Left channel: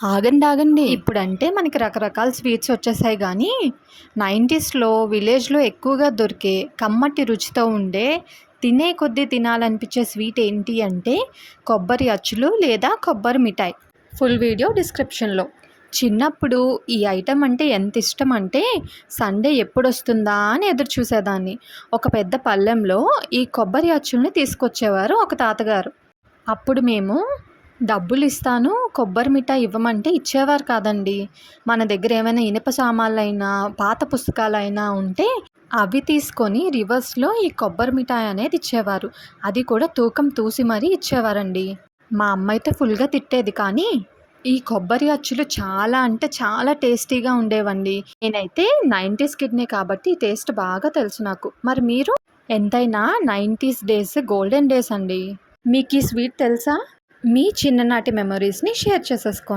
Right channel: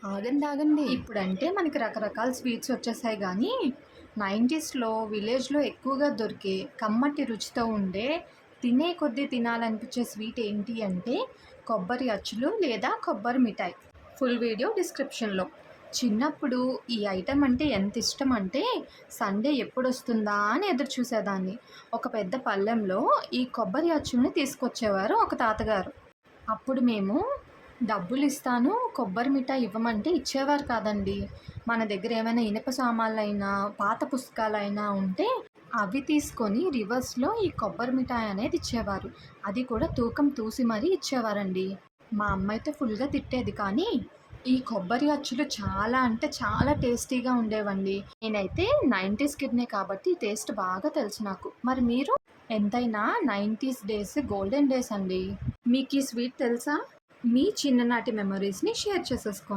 ఆగండి ఆగండి, ఇప్పుడంటే మనకి రకరకాల స్వీట్స్ వచ్చేసాయి కానీ 90స్లో విలేజ్లో ఎక్కువగా దొరికే కమ్మటి రుచితో ఉండే తినే కొద్దీ తినాలనిపించే స్వీట్ ఏంటి అంటే కొబ్బరి అచ్చులు లేదా కొబ్బరి మిఠాయి. ఫుల్ వీడియో డిస్క్రిప్షన్లో. చిన్నప్పుడు ఈ ఐటెం అంటే ఎంత ఇష్టం అంటే సండే ఎప్పుడు వస్తుందా అని ఎదురు చూసేదాన్ని. ఒక పెద్ద పళ్ళెంలో ఈ కొబ్బరి అచ్చుల్ని తీసుకొచ్చేవారు ఒక తాతగారు. అప్పుడు మేము డబ్బులిస్తాను, కొబ్బరి మిఠాయి ఇవ్వమంటే ఇచ్చేవారు కాదండి. మన దగ్గర ఏమైనా ఇనుప సామాన్లైనా, పాత పుస్తకాలైనా ఉంటే అవి తీసుకొని రివర్స్‌లో ఈ కొబ్బరి మిఠాయి అనేది ఇచ్చేవారు. అది కూడా తూకం తూసి మరీ ఇచ్చేవారండి. మా అమ్మయితే ఫుల్‌గా తిట్టేది. కానీ ఈ కొబ్బరి అచ్చులు చాలా అంటే చాలా టేస్టీగా ఉండేవండి. నేనైతే 90స్ కిడ్‌నే కాబట్టి ఈ టేస్ట్ బాగా తెలుసు నాకు. మరి మీరు? ఎంతైనా 90స్ డేస్ గోల్డెన్ డేస్ అండి. మీకీ స్వీట్ తెలుసా? మీ చిన్ననాటి మెమోరీస్‌ని షేర్ చేసేసుకోండి.